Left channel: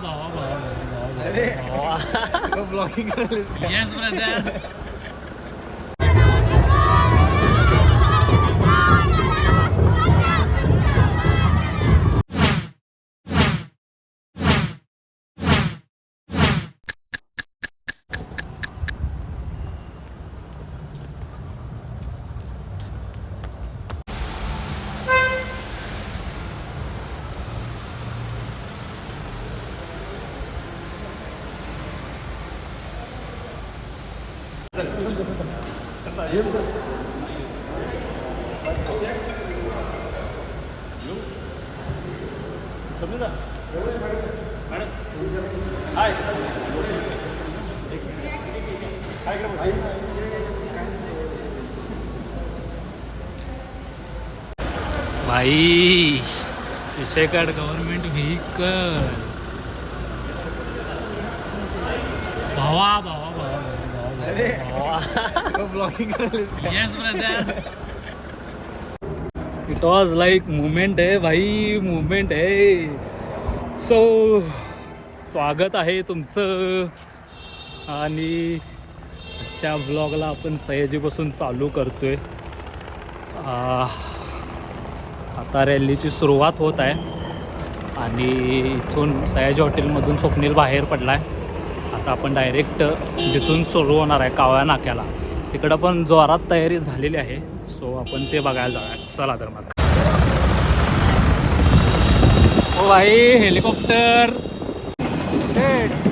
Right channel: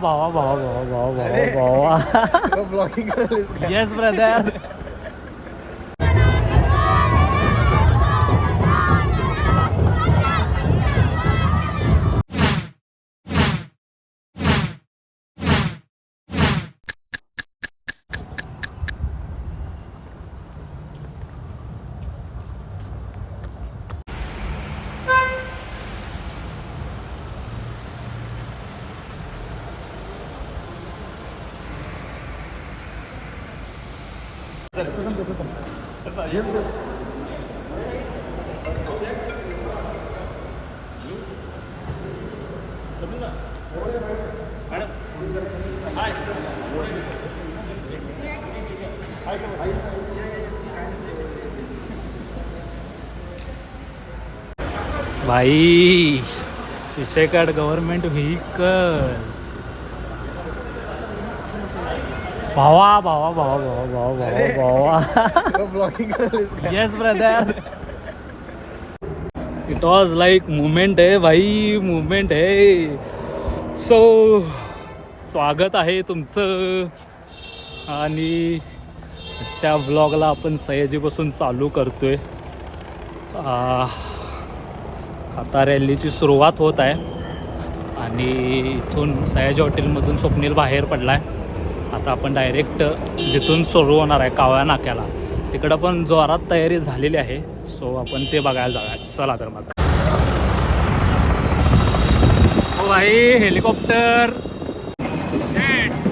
भावा भावा भावा भावा भावा ब्लॉगिंग येस ब्रदर. भाई विषयकाड गव्हर्नमेंट व्हेकल. भावा भावा भावा भावा भावा भावा blogging yes brother. It was like movement आहे भाई, मुवमेंट आहे. सो स्वागत आहे तुमचं. आणि आजच्या ब्लॉगला आपण सयाजीपासून चालू करतोय. आता रॅलीची सुरुवात होत आहे आणि इथून सयाजी हॉटेलमधून स्वप्नील बाहेर पडला आहे. आता आपण डायरेक्ट जिथून सुरू होणार आहे कावळा नाक्याला, तिकडं पण जोरात तयारी झालेली आहे. सो आपण ते बघायला जाऊया. चला तर मग. ओ भाई हेलिकॉप्टर शेट.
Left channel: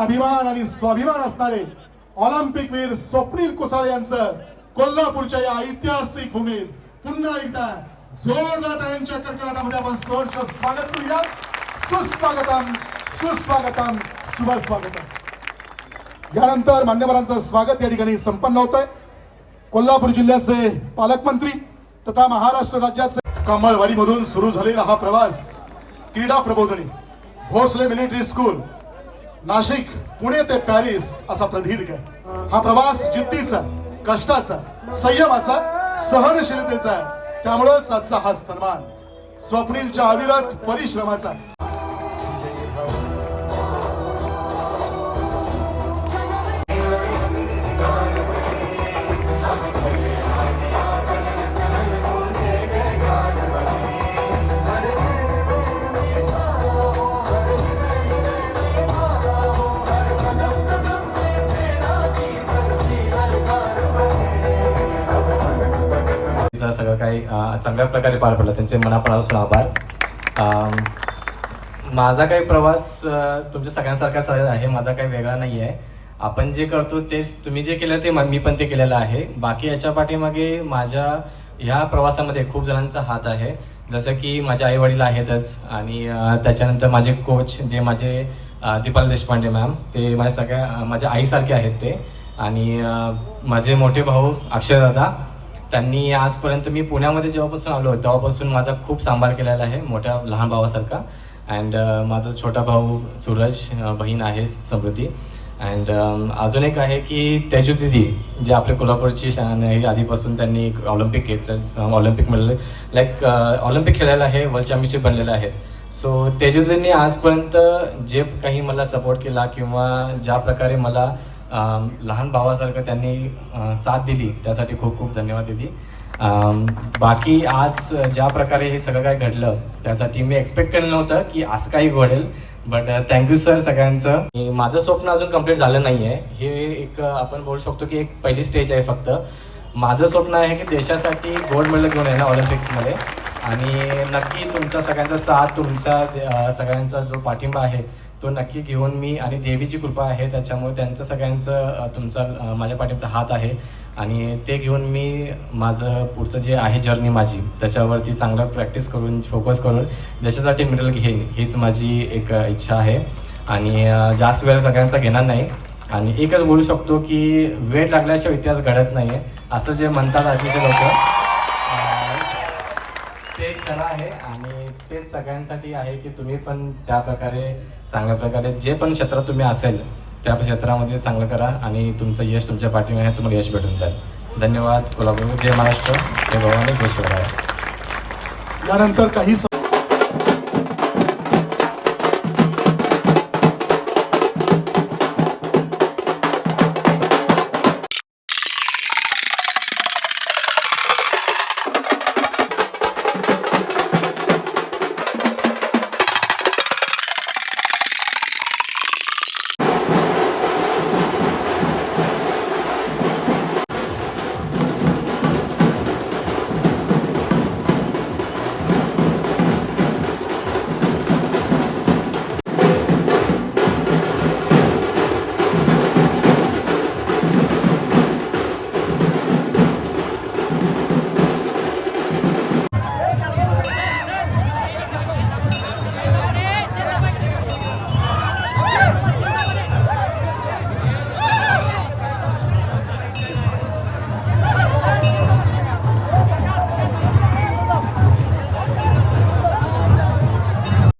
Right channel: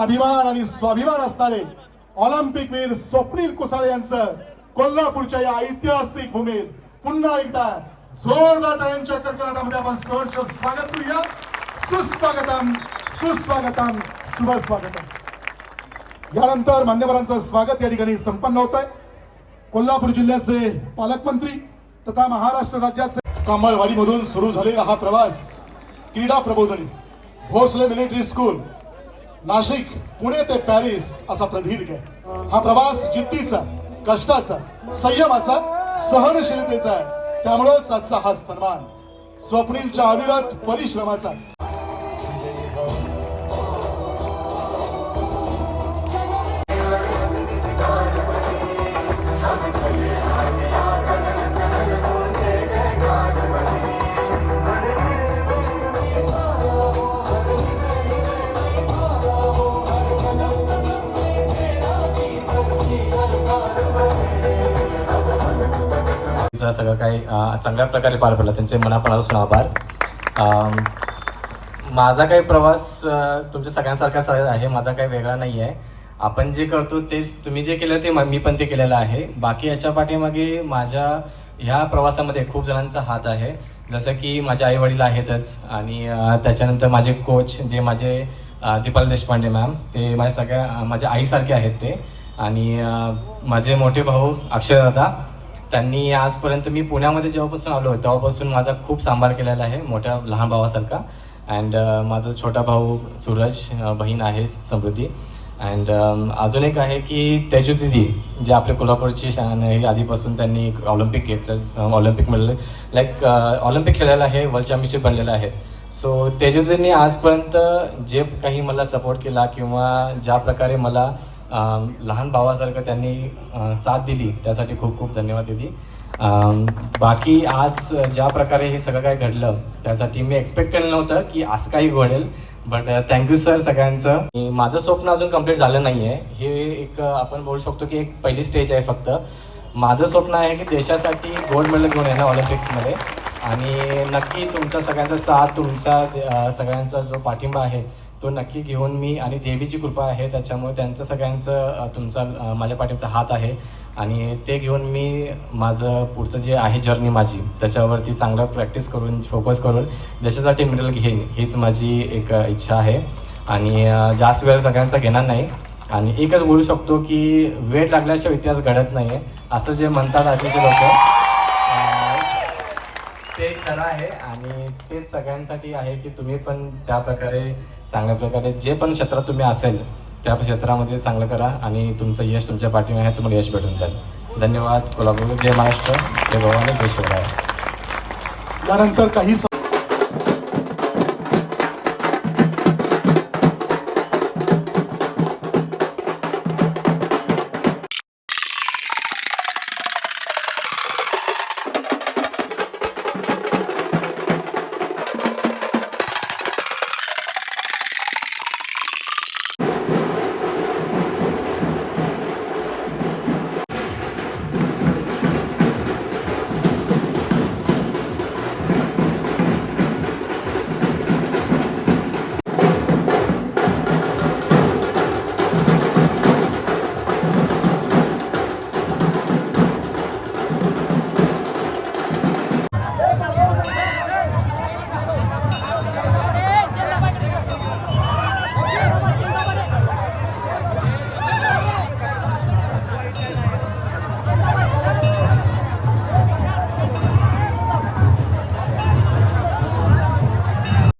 अभिमान आणि स्वाभिमान असणारे ऑलिम्पिक वीर स्वप्नील कुसाळे यांचं कोल्हापूरच्या या ऐतिहासिक भूमीत पुन्हा एकदा जोरदार टाळ्यांच्या कडकडाटामध्ये आपण सहर्ष स्वागत करूया. सुस्वागतम सुस्वागतम शुभ स्वागतम. यानंतर मान्यवरांचं स्वागत या ठिकाणी संपन्न होतंय. कोल्हापूर जिल्ह्याचे पालकमंत्री तथा महाराष्ट्र राज्याचे कमळवाडीमधून सुरू झालेला हा प्रवास क्रीडा प्रबोधिनी भोसले मिलिटरी स्कूल नाशिक पुणे ते पॅरिस असा प्रदीर्घ आहे. हा प्रवास जिद्दीचा, कष्टाचा, संयमाचा, सहनशीलतेचा आहे. त्यामुळेच आजचा हा सन्मान स्वप्नीलच्या अविरत परिश्रमाचा. सगळं काही चांगल्या प्रकारे पार पडलं, त्यांचे मनापासून आभार. माझा काही प्रवास तुमच्या सगळ्यांसारखाच आहे, माझा काही वेगळा नाही आहे. आपण जे करतो तेच तुम्ही जे केलं ते मी पण ते केलेलं आहे. बाकी याच्या पाठीमागे माझ्या ह्या प्रवासामध्ये खूप जणांचा हात आहे. जसं की माझे आई वडील आहेतच आणि त्याच्यानंतर माझे कोच जे माझे दीपाली देशपांडे मॅम, ते माझ्या आईसारखे आहेत ते. आणि माझे मोठे भाऊ अक्षय दादा, त्यांनी आजपर्यंत मी पुण्यामध्ये जेव्हापासून आलो तेव्हापासून माझा खूप सांभाळ केलेला आहे, मोठ्या लहान भावासारखा. अँड माझा छोटा भाऊ सूरज, बहीण आहे समृद्धी. अँड अजून एक आहे की तेजू दिदी, जे आपले कोल्हापूरची शान आहे. आधीपासून त्यांनी ऑलिम्पिक घेतलं, ऑलिम्पिक मिळालं, लाईक ऑलिम्पिक खेळायला आहे, वर्ल्ड चॅम्पियनशिप बनलेलं आहे. सो तेजू दिदींनी आजपर्यंत जे काही मला सपोर्ट केला किंवा ज्या प्रकारे मला लहान भावासारखं त्यांनी साथ दिली, त्यासाठी खूप खूप धन्यवाद दिदी. बाकी आज ज्या प्रकारे हे सगळं काय घडलं त्यासाठी मी एक्सपेक्ट केलं नव्हतं की असं काही घडेल. बट थँक्यू सर सगळ्यांचं. माझं स्वप्न अजून कंप्लीट झालं नाही आहे. हे एक आपण बोलू शकतो की एक पहिली स्टेज आहे फक्त. माझं स्वप्न आहे की देशासाठी गोल्ड मेडल घेऊन येणं ऑलिम्पिक्समध्ये. आणि नक्की तुमचा सगळ्यांचा साथ, तुमचा सगळ्यांचा जो पाठिंबा आहे तो नक्की घेऊन मी, आणि देवीची कृपा आहे त्याच्यामुळे त्यांचं सगळ्यांचं तुमचा माझ्या पाठीचा हात आहे. आणि ते घेऊन मी माझं पुढचं जे आहे जर्नी माझी त्याच्यावरती चांगलं प्रॅक्टिस करून, फोकस करून देशासाठी मेडल घेईन, हीच माझी एक इच्छा आहे. आणि जास्त वेळ सगळ्यांचा घेणार नाही. आणि एकच बोलू शकतो की वेळ लागल्याशिवाय इतिहास घडत नाही आहे, असं जे म्हणतात आधीचे लोक, ते खरं आहे. आणि तेच सगळ्यांसाठी आहे की तुम्ही पण त्या प्रकारे चांगल्या प्रकारे जे पण क्षेत्रात तुम्ही असेल त्या क्षेत्रामध्ये चांगलं करा आणि तुमचं यश तुमच्या पाठीमागे आहे, तुम्हाला यश भेटून जाईल. धन्यवाद. कोल्हापूर. जय महाराष्ट्र, जय भवानी, जय शिवराय. यानंतर काही